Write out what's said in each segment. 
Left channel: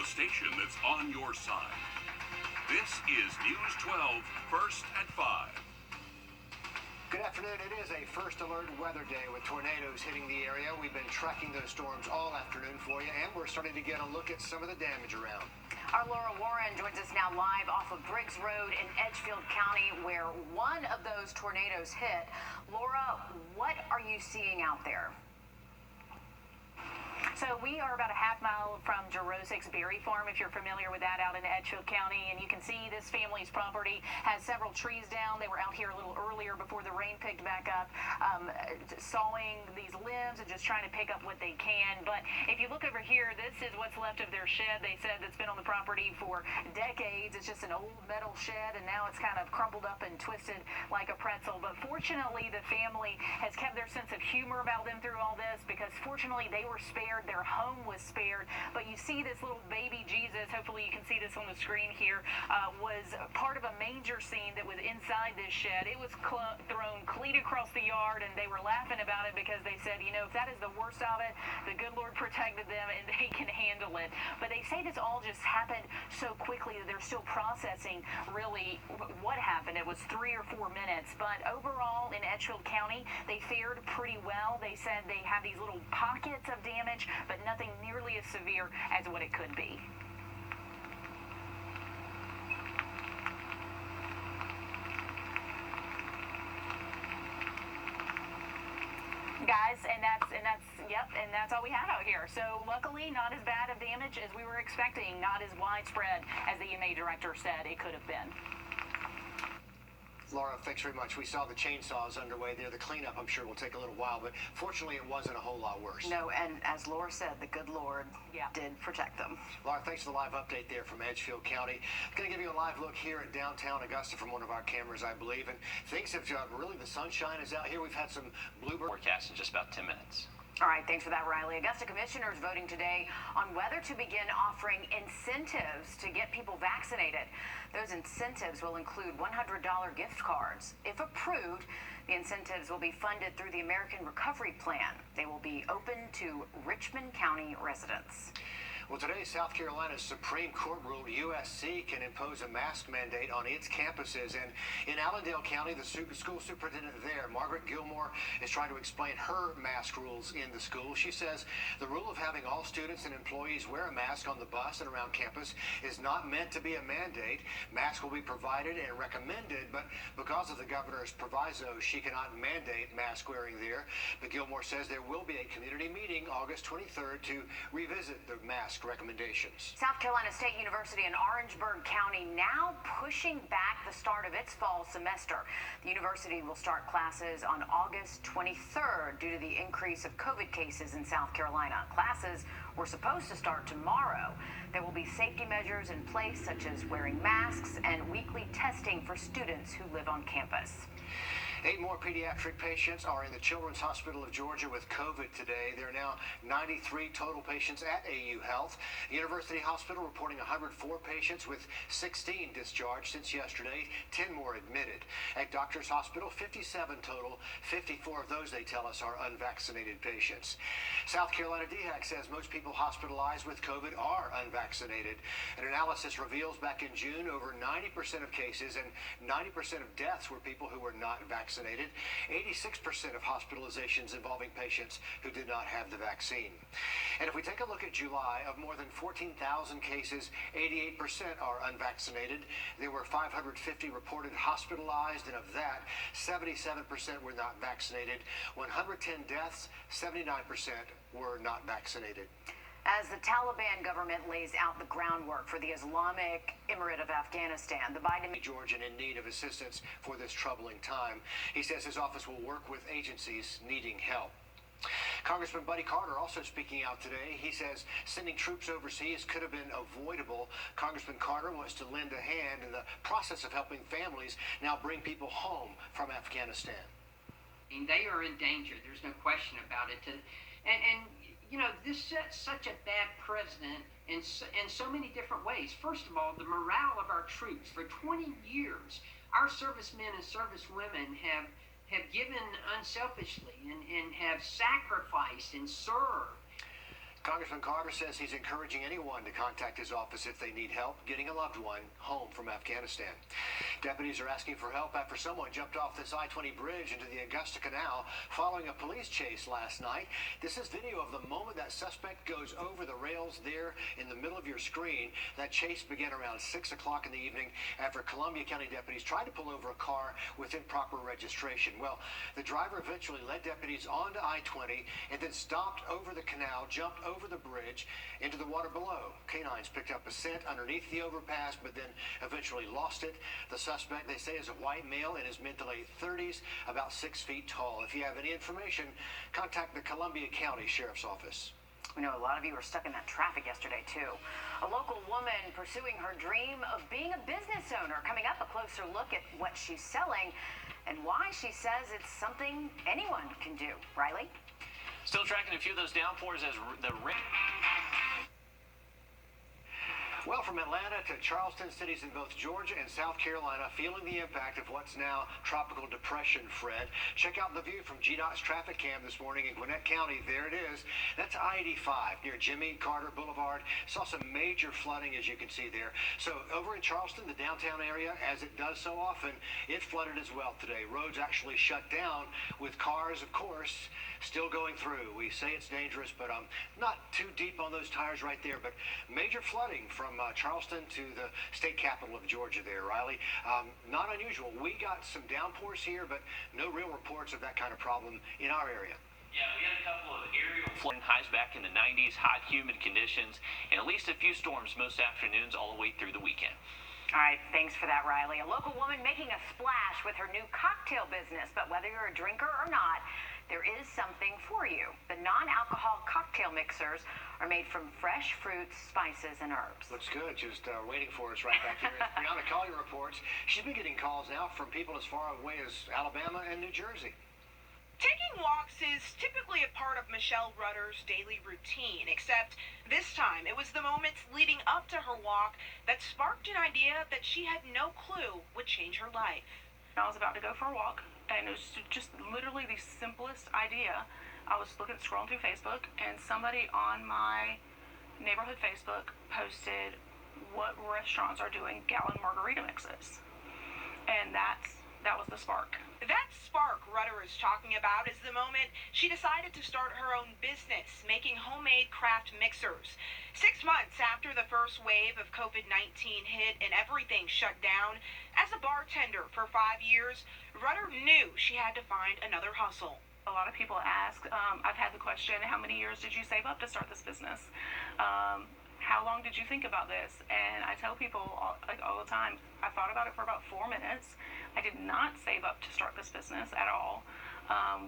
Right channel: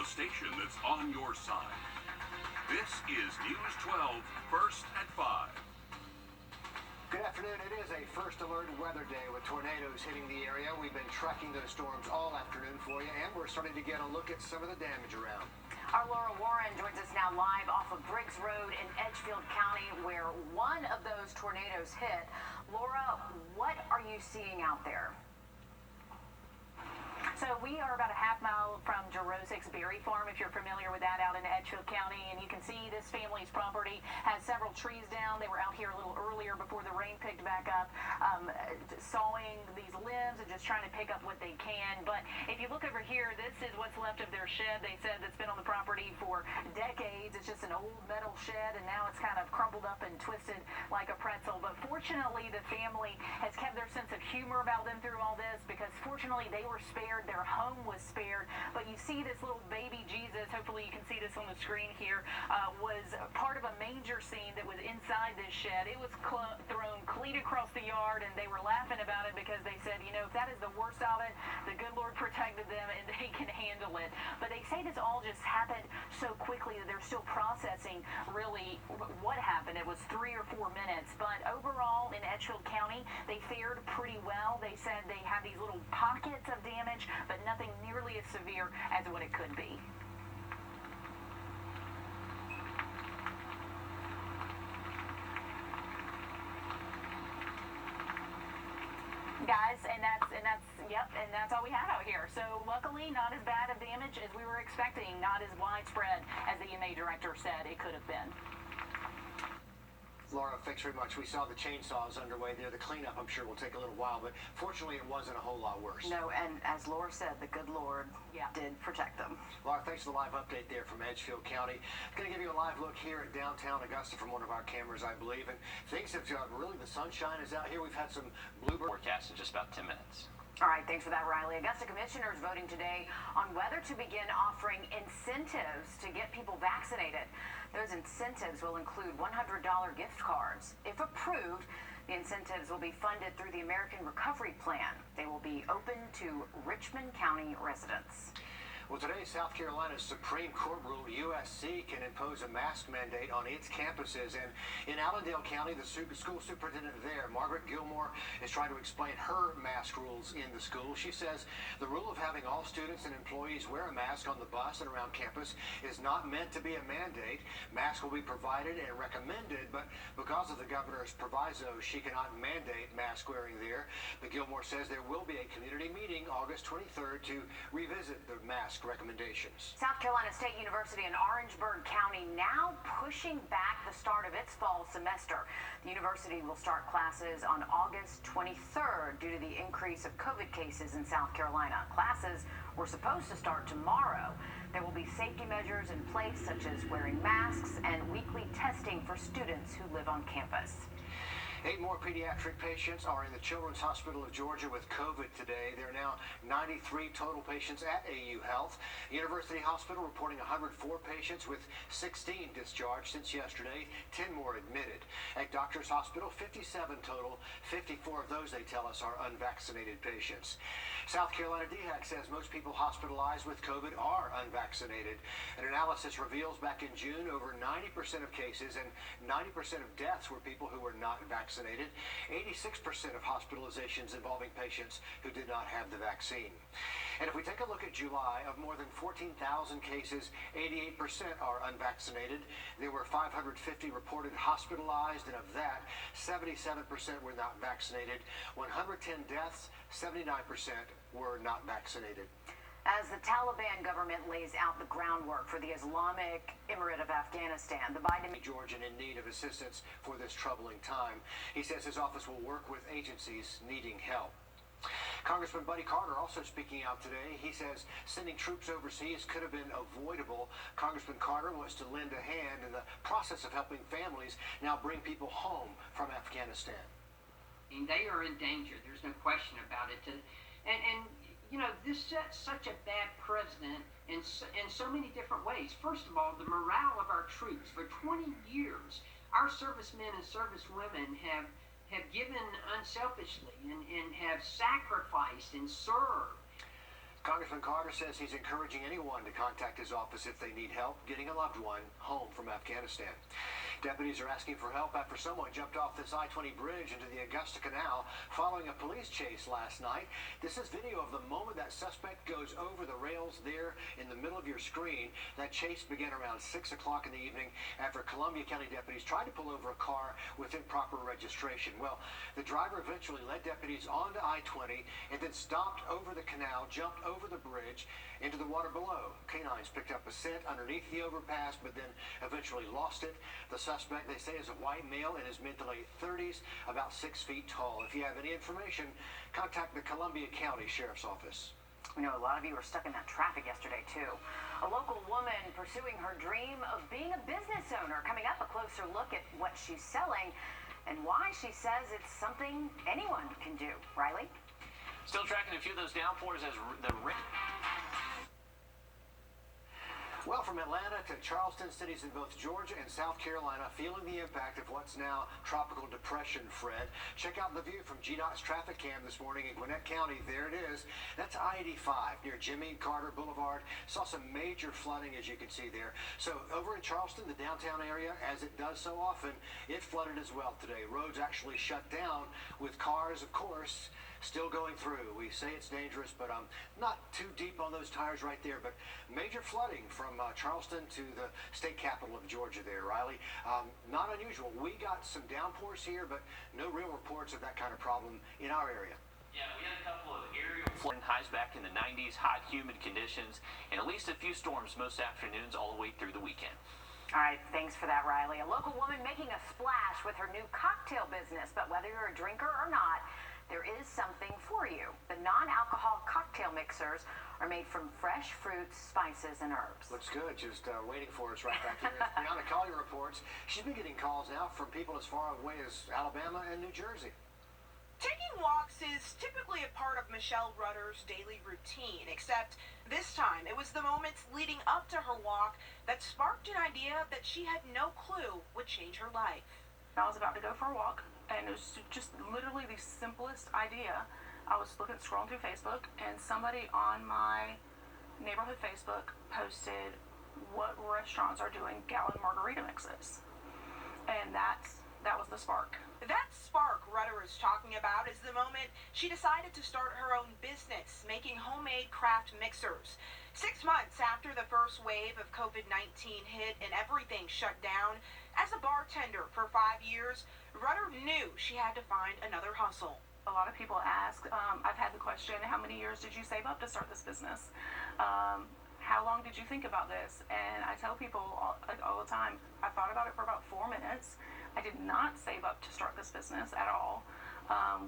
the station that's on your side. This is News 12, First at 5. Good afternoon. It is a first alert weather day with tornadoes hitting the area. We've been tracking those storms all afternoon for you, and we're starting to get a look at some of the damage around. Our Laura Warren joins us now live off of Briggs Road in Edgefield County, where one of those tornadoes hit. Laura, what are you seeing out there? So we are about a half mile from Jurosic's Berry Farm, if you're familiar with that, out in Edgefield County. And you can see this family's property has several trees down. They were out here a little earlier before the rain picked back up, sawing these limbs and just trying to pick up what they can. But if you look over here, this is what's left of their shed. They said it's been on the property for decades. It's just an old metal shed, and now it's kind of crumbled up and twisted like a pretzel. But fortunately, the family has kept their sense of humor about them through all this, because fortunately they were spared. Their home was spared. But you see this little baby Jesus, hopefully you can see this on the screen here, was part of a manger scene that was inside this shed. It was thrown clean across the yard, and they were laughing about it because they said, you know, if that is the worst of it, the good Lord protected them and they can handle it. But they say this all just happened so quickly that they're still processing really what happened. It was 3 or 4 minutes. But overall, in Edgefield County, they fared pretty well. They said they have these little pockets of damage, but nothing nearly as severe as what it could be. Guys, and that's all we had out here. So luckily, not as bad of damage as we were expecting, not as widespread as the EMA director said it could have been. Laura, thanks very much. We saw the chainsaws underway there. The cleanup, I'm sure, will take a little while, but fortunately it wasn't a whole lot worse. No, and as Laura said, the good Lord did protect them. Laura, thanks for the live update there from Edgefield County. I'm going to give you a live look here at downtown Augusta from one of our cameras, I believe. And things have really, the sunshine is out here. We've had some bluebird forecast in just about 10 minutes. All right, thanks for that, Riley. Augusta commissioners voting today on whether to begin offering incentives to get people vaccinated. Those incentives will include $100 gift cards. If approved, the incentives will be funded through the American Recovery Plan. They will be open to Richmond County residents. Well, today, South Carolina's Supreme Court ruled USC can impose a mask mandate on its campuses. And in Allendale County, the school superintendent there, Margaret Gilmore, is trying to explain her mask rules in the school. She says the rule of having all students and employees wear a mask on the bus and around campus is not meant to be a mandate. Masks will be provided and recommended, but because of the governor's proviso, she cannot mandate mask wearing there. But Gilmore says there will be a community meeting August 23rd to revisit the mask recommendations. South Carolina State University in Orangeburg County now pushing back the start of its fall semester. The university will start classes on August 23rd due to the increase of COVID cases in South Carolina. Classes were supposed to start tomorrow. There will be safety measures in place, such as wearing masks and weekly testing for students who live on campus. 8 more pediatric patients are in the Children's Hospital of Georgia with COVID today. There are now 93 total patients at AU Health. University Hospital reporting 104 patients with 16 discharged since yesterday, 10 more admitted. At Doctors Hospital, 57 total. 54 of those, they tell us, are unvaccinated patients. South Carolina DHEC says most people hospitalized with COVID are unvaccinated. An analysis reveals back in June over 90% of cases and 90% of deaths were people who were not vaccinated. 86% of hospitalizations involving patients who did not have the vaccine. And if we take a look at July, of more than 14,000 cases, 88% are unvaccinated. There were 550 reported hospitalized, and of that, 77% were not vaccinated. 110 deaths, 79% were not vaccinated. As the Taliban government lays out the groundwork for the Islamic Emirate of Afghanistan, the Biden Georgian in need of assistance for this troubling time. He says his office will work with agencies needing help. Congressman Buddy Carter also speaking out today. He says sending troops overseas could have been avoidable. Congressman Carter wants to lend a hand in the process of helping families now bring people home from Afghanistan. They are in danger. There's no question about it. And you know, this sets such a bad precedent in so many different ways. First of all, the morale of our troops. For 20 years, our servicemen and servicewomen have given unselfishly and have sacrificed and served. Congressman Carter says he's encouraging anyone to contact his office if they need help getting a loved one home from Afghanistan. Deputies are asking for help after someone jumped off this I-20 bridge into the Augusta Canal following a police chase last night. This is video of the moment that suspect goes over the rails there in the middle of your screen. That chase began around 6 o'clock in the evening after Columbia County deputies tried to pull over a car with improper registration. Well, the driver eventually led deputies onto I-20 and then stopped over the canal, jumped over the bridge into the water below. Canines picked up a scent underneath the overpass, but then eventually lost it. The suspect, they say, is a white male in his mid to late 30s, about 6 feet tall. If you have any information, contact the Columbia County Sheriff's Office. We know a lot of you were stuck in that traffic yesterday, too. A local woman pursuing her dream of being a business owner. Coming up, a closer look at what she's selling and why she says it's something anyone can do. Riley? Still tracking a few of those downpours as the rain. Well, from Atlanta to Charleston, cities in both Georgia and South Carolina feeling the impact of what's now tropical depression, Fred. Check out the view from GDOT's traffic cam this morning in Gwinnett County. There it is. That's I-85 near Jimmy Carter Boulevard. Saw some major flooding, as you can see there. So over in Charleston, the downtown area, as it does so often, it flooded as well today. Roads actually shut down with cars, of course, still going through. We say it's dangerous, but not too deep on those tires right there. But major flooding from Charleston to the state capital of Georgia there, Riley. Not unusual. We got some downpours here, but no real reports of that kind of problem in our area. Yeah, we had a couple of aerial flooding, highs back in the 90s, hot, humid conditions, and at least a few storms most afternoons all the way through the weekend. All right, thanks for that, Riley. A local woman making a splash with her new cocktail business, but whether you're a drinker or not, there is something for you. The non-alcohol cocktail mixers are made from fresh fruits, spices, and herbs. Looks good. Just waiting for us right back here. As Brianna Collier reports, she's been getting calls now from people as far away as Alabama and New Jersey. Taking walks is typically a part of Michelle Rudder's daily routine, except this time it was the moments leading up to her walk that sparked an idea that she had no clue would change her life. I was about to go for a walk, and it was just literally the simplest idea. I was scrolling through Facebook, and somebody on my neighborhood Facebook posted what restaurants are doing gallon margarita mixes, and that was the spark. That spark Rudder is talking about is the moment she decided to start her own business, making homemade craft mixers. 6 months after the first wave of COVID-19 hit and everything shut down, as a bartender for 5 years, Rudder knew she had to find another hustle. A lot of people ask, I've had the question, how many years did you save up to start this business? How long did you think about this? And I tell people all the time, I thought about it for about 4 minutes. I did not save up to start this business at all.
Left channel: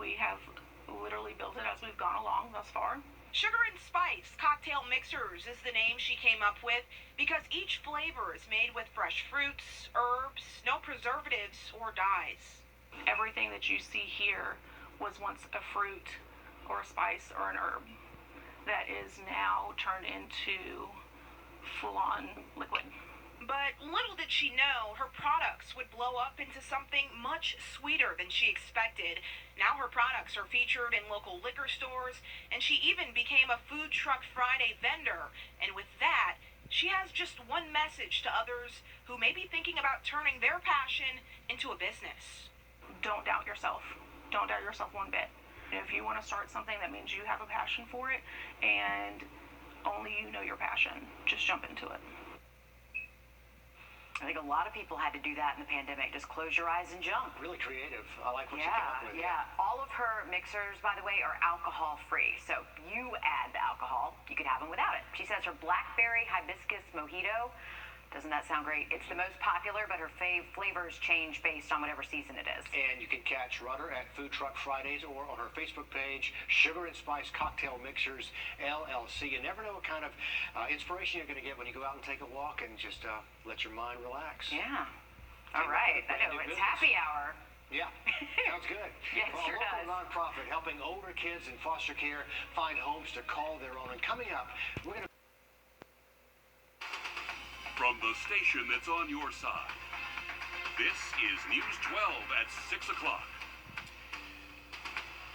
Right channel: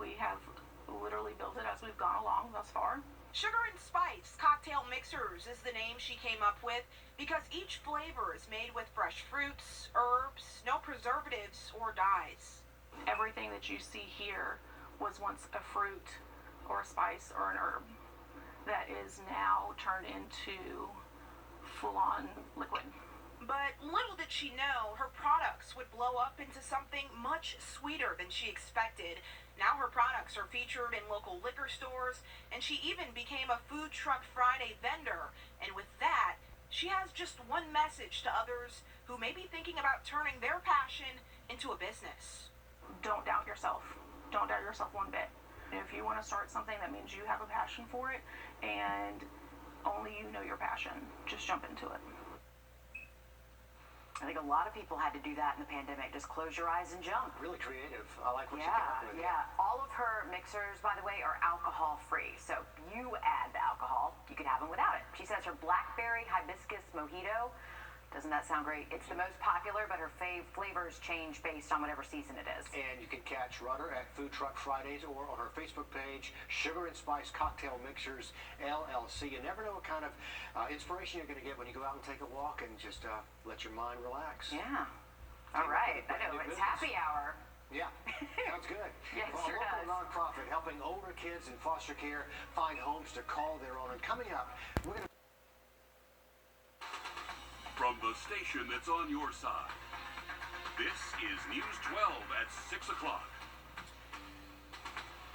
We have literally built it as we've gone along thus far. Sugar and Spice Cocktail Mixers is the name she came up with because each flavor is made with fresh fruits, herbs, no preservatives or dyes. Everything that you see here was once a fruit or a spice or an herb that is now turned into full-on liquid. But little did she know her products would blow up into something much sweeter than she expected. Now her products are featured in local liquor stores, and she even became a Food Truck Friday vendor. And with that, she has just one message to others who may be thinking about turning their passion into a business. Don't doubt yourself. Don't doubt yourself one bit. If you want to start something, that means you have a passion for it, and only you know your passion. Just jump into it. I think a lot of people had to do that in the pandemic. Just close your eyes and jump. Really creative. I like what you came up with. Yeah. All of her mixers, by the way, are alcohol-free. So you add the alcohol, you could have them without it. She says her blackberry hibiscus mojito, doesn't that sound great? It's the most popular, but her flavors change based on whatever season it is. And you can catch Rudder at Food Truck Fridays or on her Facebook page, Sugar and Spice Cocktail Mixers, LLC. You never know what kind of inspiration you're going to get when you go out and take a walk and just let your mind relax. Yeah. All right. I know, it's happy hour. Yeah, sounds good. Yes, well, sure a local does. nonprofit helping older kids in foster care find homes to call their own. And coming up, we're going to... From the station that's on your side, this is News 12 at 6 o'clock.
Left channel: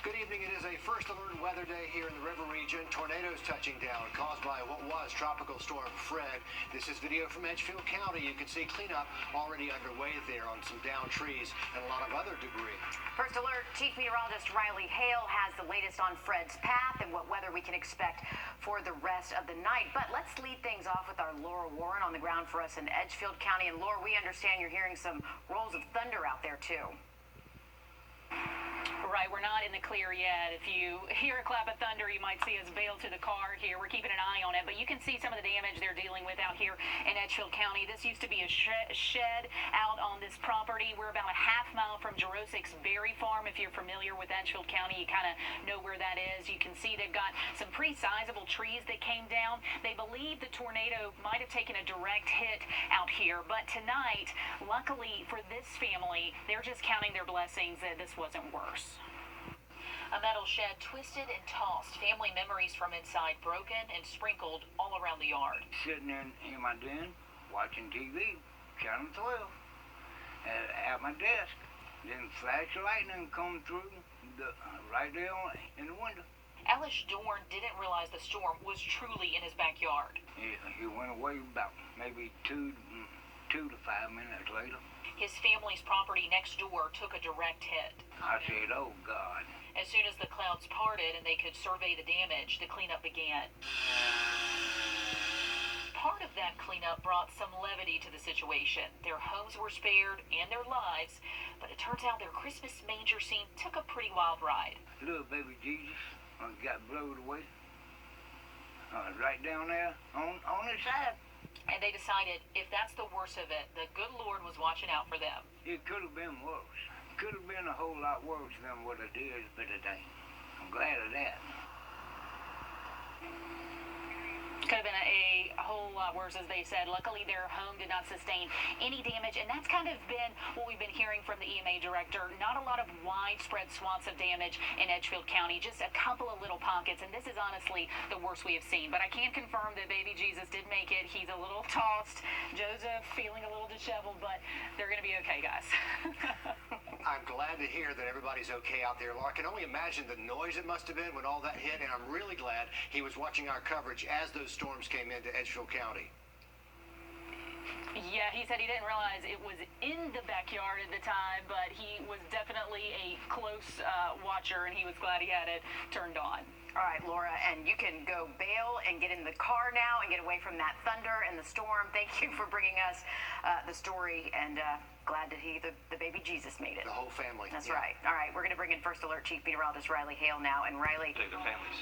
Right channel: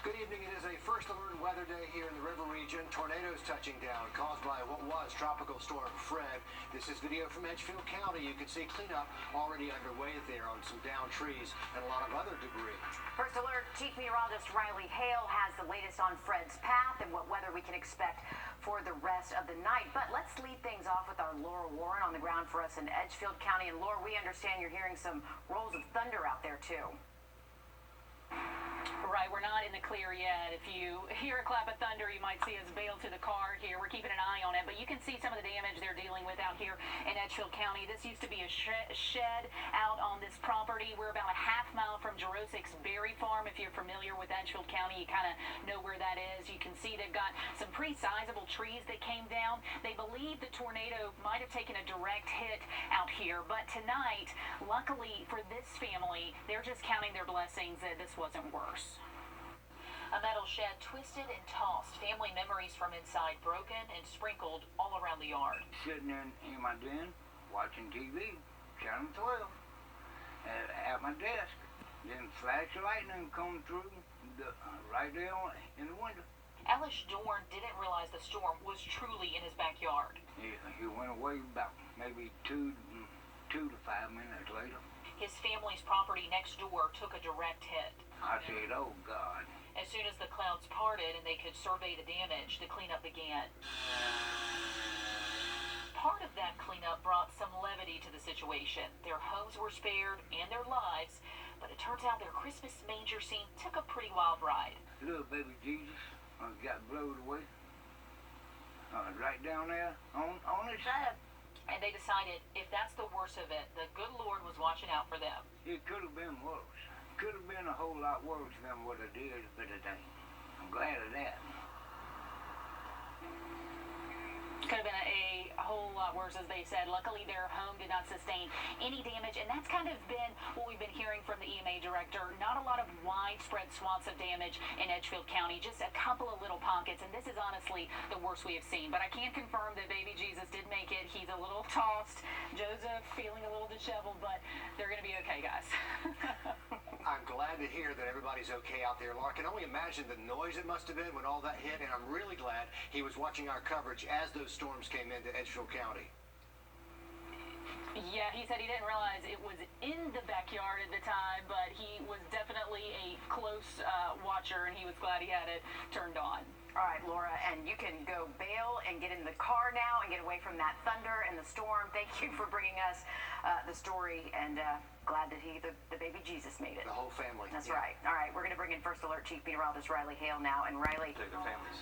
Good evening. It is a first alert weather day here in the river region. Tornadoes touching down caused by what was Tropical Storm Fred. This is video from Edgefield County. You can see cleanup already underway there on some downed trees and a lot of other debris. First alert, Chief Meteorologist Riley Hale has the latest on Fred's path and what weather we can expect for the rest of the night. But let's lead things off with our Laura Warren on the ground for us in Edgefield County. And Laura, we understand you're hearing some rolls of thunder out there too. Right, we're not in the clear yet. If you hear a clap of thunder, you might see us bail to the car here. We're keeping an eye on it, but you can see some of the damage they're dealing with out here in Edgefield County. This used to be a shed out on this property. We're about a half mile from Jurosic's Berry Farm. If you're familiar with Edgefield County, you kind of know where that is. You can see they've got some pretty sizable trees that came down. They believe the tornado might have taken a direct hit out here, but tonight, luckily for this family, they're just counting their blessings that this wasn't worse. A metal shed twisted and tossed. Family memories from inside broken and sprinkled all around the yard. Sitting in my den, watching TV, Channel 12, at my desk. Then flash of lightning come through right there in the window. Ellis Dorn didn't realize the storm was truly in his backyard. He went away about maybe 2 to 5 minutes later. His family's property next door took a direct hit. I said, oh, God. As soon as the clouds parted and they could survey the damage, the cleanup began. Part of that cleanup brought some levity to the situation. Their homes were spared and their lives, but it turns out their Christmas manger scene took a pretty wild ride. Little baby Jesus got blown away right down there on his side. And they decided if that's the worst of it, the good Lord was watching out for them. It could have been worse. Could have been a whole lot worse than what it is, but it ain't. I'm glad of that. Could have been a whole lot worse, as they said. Luckily, their home did not sustain any damage, and that's kind of been what we've been hearing from the EMA director. Not a lot of widespread swaths of damage in Edgefield County, just a couple of little pockets, and this is honestly the worst we have seen. But I can confirm that baby Jesus did make it. He's a little tossed. Joseph feeling a little disheveled, but they're going to be okay, guys. I'm glad to hear that everybody's okay out there. Laura, I can only imagine the noise it must have been when all that hit, and I'm really glad he was watching our coverage as those storms came into Edgefield County. Yeah, he said he didn't realize it was in the backyard at the time, but he was definitely a close watcher, and he was glad he had it turned on. All right, Laura, and you can go bail and get in the car now and get away from that thunder and the storm. Thank you for bringing us the story, and glad to hear the baby Jesus made it. The whole family. That's right. All right, we're going to bring in First Alert Chief Meteorologist Riley Hale now. And Riley, Take their families.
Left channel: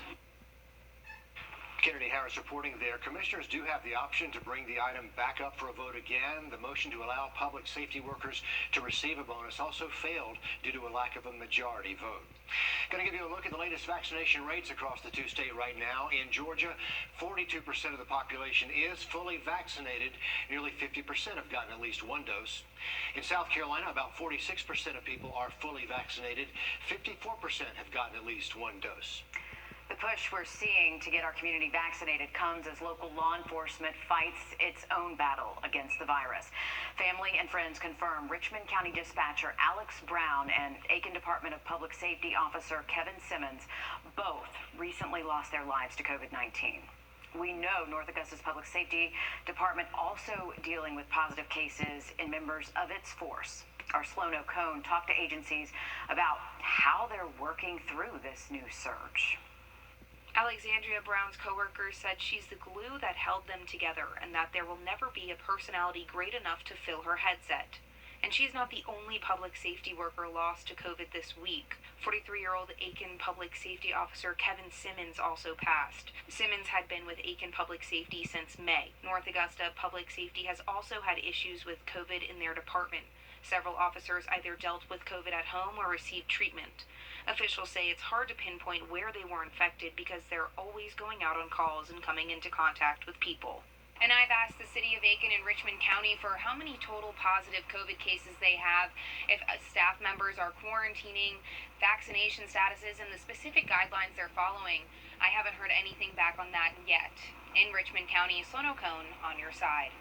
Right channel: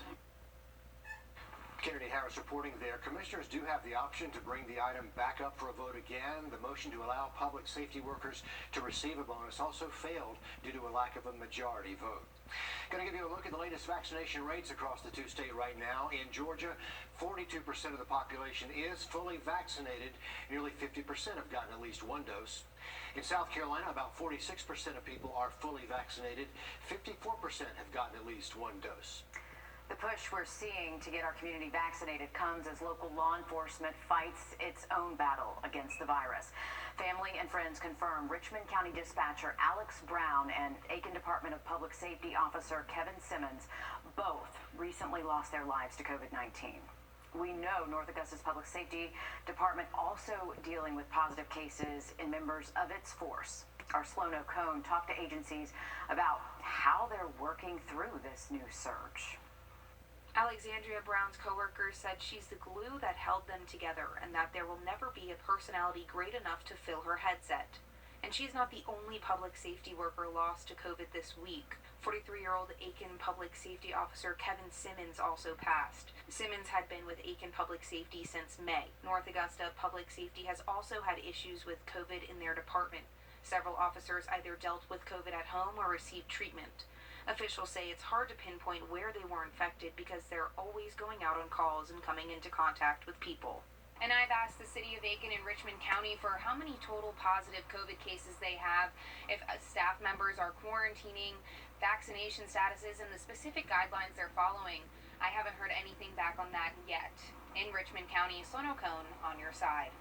Kennedy Harris reporting there. Commissioners do have the option to bring the item back up for a vote again. The motion to allow public safety workers to receive a bonus also failed due to a lack of a majority vote. Going to give you a look at the latest vaccination rates across the two-state right now. In Georgia, 42% of the population is fully vaccinated. Nearly 50% have gotten at least one dose. In South Carolina, about 46% of people are fully vaccinated. 54% have gotten at least one dose. the push we're seeing to get our community vaccinated comes as local law enforcement fights its own battle against the virus. Family and friends confirm Richmond County Dispatcher Alex Brown and Aiken Department of Public Safety Officer Kevin Simmons both recently lost their lives to COVID-19. We know North Augusta's Public Safety Department also dealing with positive cases in members of its force. Our Sloan O'Cone talked to agencies about how they're working through this new surge. Alexandria Brown's coworkers said she's the glue that held them together and that there will never be a personality great enough to fill her headset. And she's not the only public safety worker lost to COVID this week. 43-year-old Aiken Public Safety Officer Kevin Simmons also passed. Simmons had been with Aiken Public Safety since May. North Augusta Public Safety has also had issues with COVID in their department. Several officers either dealt with COVID at home or received treatment. Officials say it's hard to pinpoint where they were infected because they're always going out on calls and coming into contact with people. And I've asked the city of Aiken and Richmond County for how many total positive COVID cases they have, if staff members are quarantining, vaccination statuses, and the specific guidelines they're following. I haven't heard anything back on that yet. In Richmond County, Sloan O'Cone on your side.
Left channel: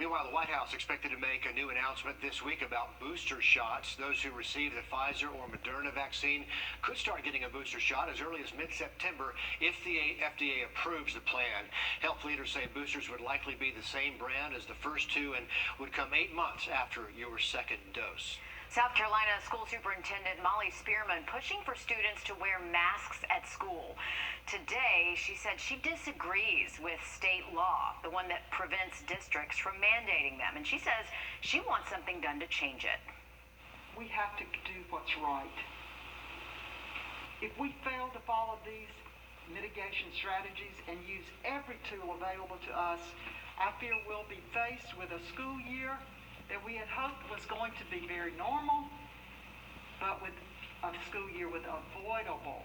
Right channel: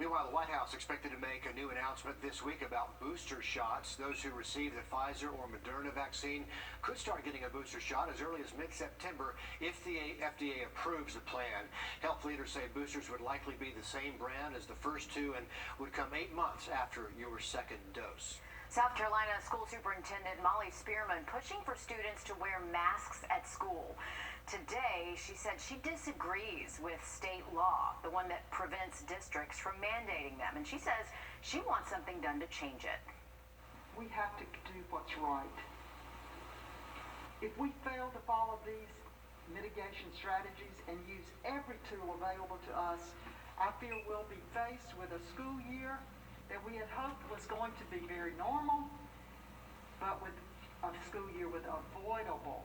Meanwhile, the White House expected to make a new announcement this week about booster shots. Those who receive the Pfizer or Moderna vaccine could start getting a booster shot as early as mid-September if the FDA approves the plan. Health leaders say boosters would likely be the same brand as the first two and would come 8 months after your second dose. South Carolina School Superintendent Molly Spearman pushing for students to wear masks at school. Today, she said she disagrees with state law, the one that prevents districts from mandating them. And she says she wants something done to change it. We have to do what's right. If we fail to follow these mitigation strategies and use every tool available to us, I fear we'll be faced with a school year that we had hoped was going to be very normal, but with a school year with avoidable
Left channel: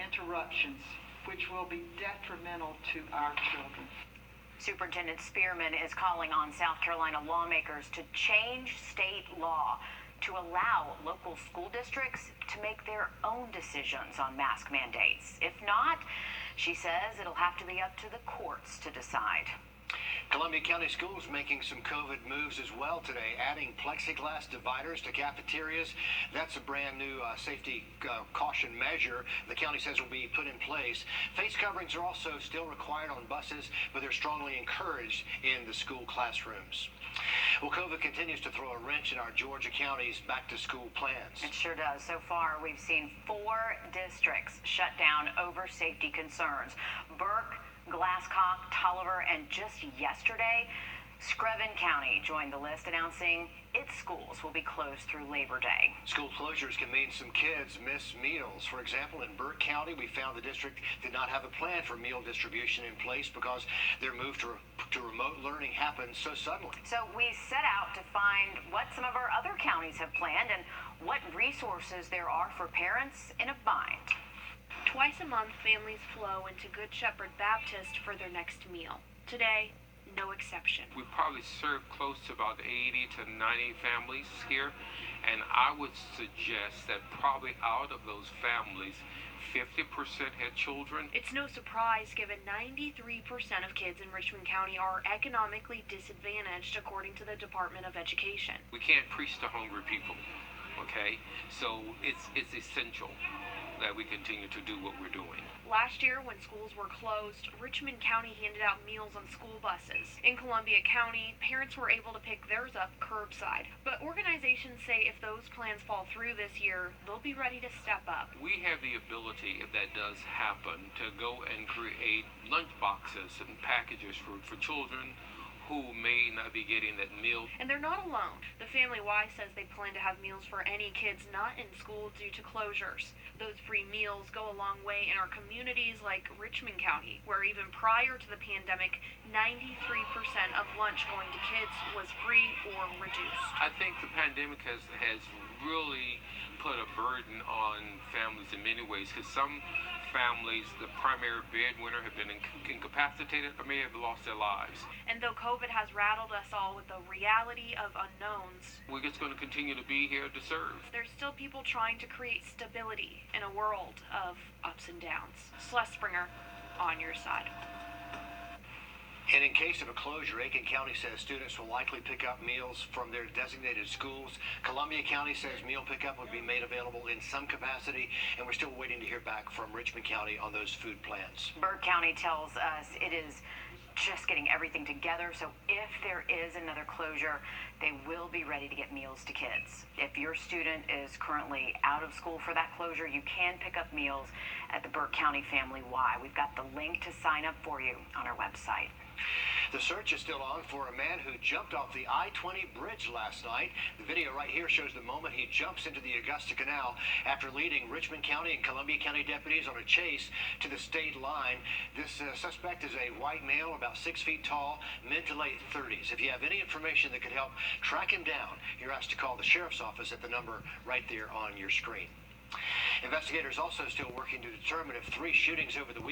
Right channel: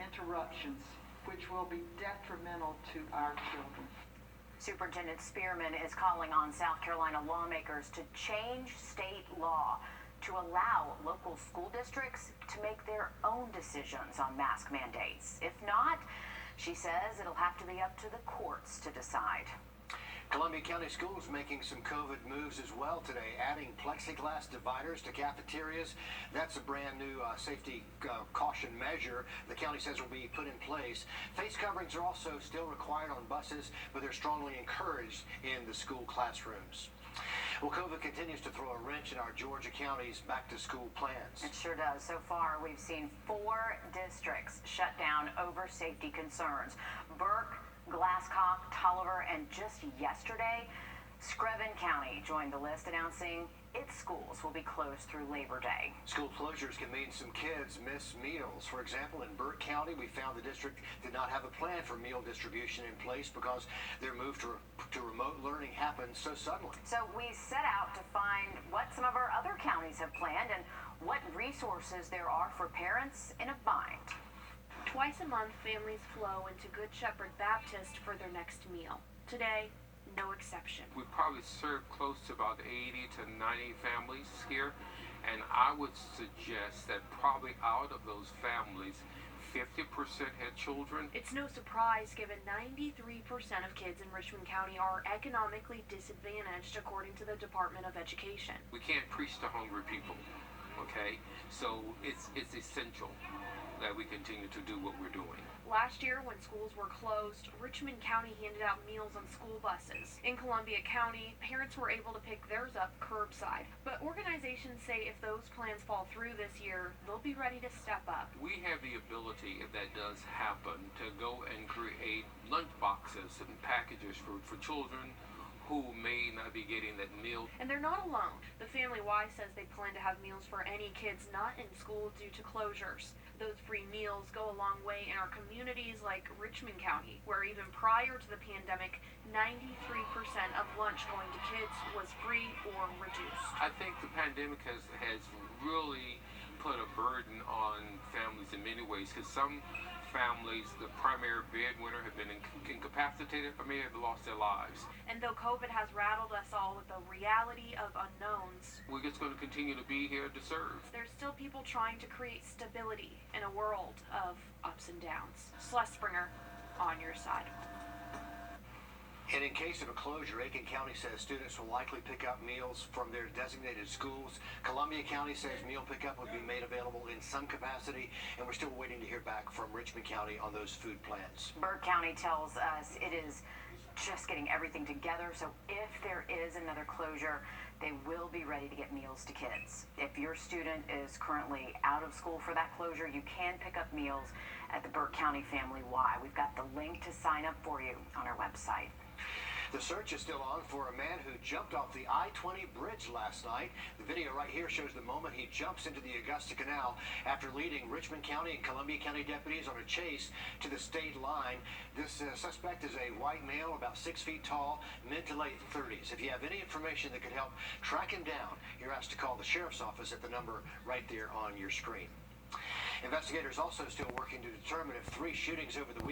interruptions, which will be detrimental to our children. Superintendent Spearman is calling on South Carolina lawmakers to change state law to allow local school districts to make their own decisions on mask mandates. If not, she says it'll have to be up to the courts to decide. Columbia County Schools making some COVID moves as well today, adding plexiglass dividers to cafeterias. That's a brand new safety caution measure the county says will be put in place. Face coverings are also still required on buses, but they're strongly encouraged in the school classrooms. Well, COVID continues to throw a wrench in our Georgia county's back-to-school plans. It sure does. So far, we've seen 4 districts shut down over safety concerns. Burke, Glasscock, Tolliver, and just yesterday, Screven County joined the list, announcing its schools will be closed through Labor Day. School closures can mean some kids miss meals. For example, in Burke County, we found the district did not have a plan for meal distribution in place because their move to remote learning happened so suddenly. So we set out to find what some of our other counties have planned and what resources there are for parents in a bind. Twice a month, families flow into Good Shepherd Baptist for their next meal. Today, no exception. We probably serve close to about 80 to 90 families here, and I would suggest that probably out of those families, 50% had children. It's no surprise given 93% of kids in Richmond County are economically disadvantaged according to the Department of Education. We can't preach to hungry people, okay? So it's essential that we continue to do what we're doing. Last year, when schools were closed, Richmond County handed out meals on school buses. In Columbia County, parents were able to pick theirs up curbside. But organizations say if those plans fall through this year, they'll be ready to step up. We have the ability, if that does happen, to go and create lunch boxes and packages for children who may not be getting that meal. And they're not alone. The Family Y says they plan to have meals for any kids not in school due to closures. Those free meals go a long way in our communities like Richmond County, where even prior to the pandemic, 93% of lunch going to kids was free or reduced. I think the pandemic has really put a burden on families in many ways, because some families, the primary breadwinner, have been incapacitated or may have lost their lives. And though COVID has rattled us all with the reality of unknowns, we're just going to continue to be here to serve. There's still people trying to create stability in a world of ups and downs. Celeste Springer, on your side. And in case of a closure, Aiken County says students will likely pick up meals from their designated schools. Columbia County says meal pickup would be made available in some capacity, and we're still waiting to hear back from Richmond County on those food plans. Burke County tells us it is just getting everything together, so if there is another closure, they will be ready to get meals to kids. If your student is currently out of school for that closure, you can pick up meals at the Burke County Family Y. We've got the link to sign up for you on our website. The search is still on for a man who jumped off the I-20 bridge last night. The video right here shows the moment he jumps into the Augusta Canal after leading Richmond County and Columbia County deputies on a chase to the state line. This suspect is a white male, about 6 feet tall, mid to late 30s. If you have any information that could help track him down, you're asked to call the sheriff's office at the number right there on your screen. Investigators also still working to determine if 3 shootings over the weekend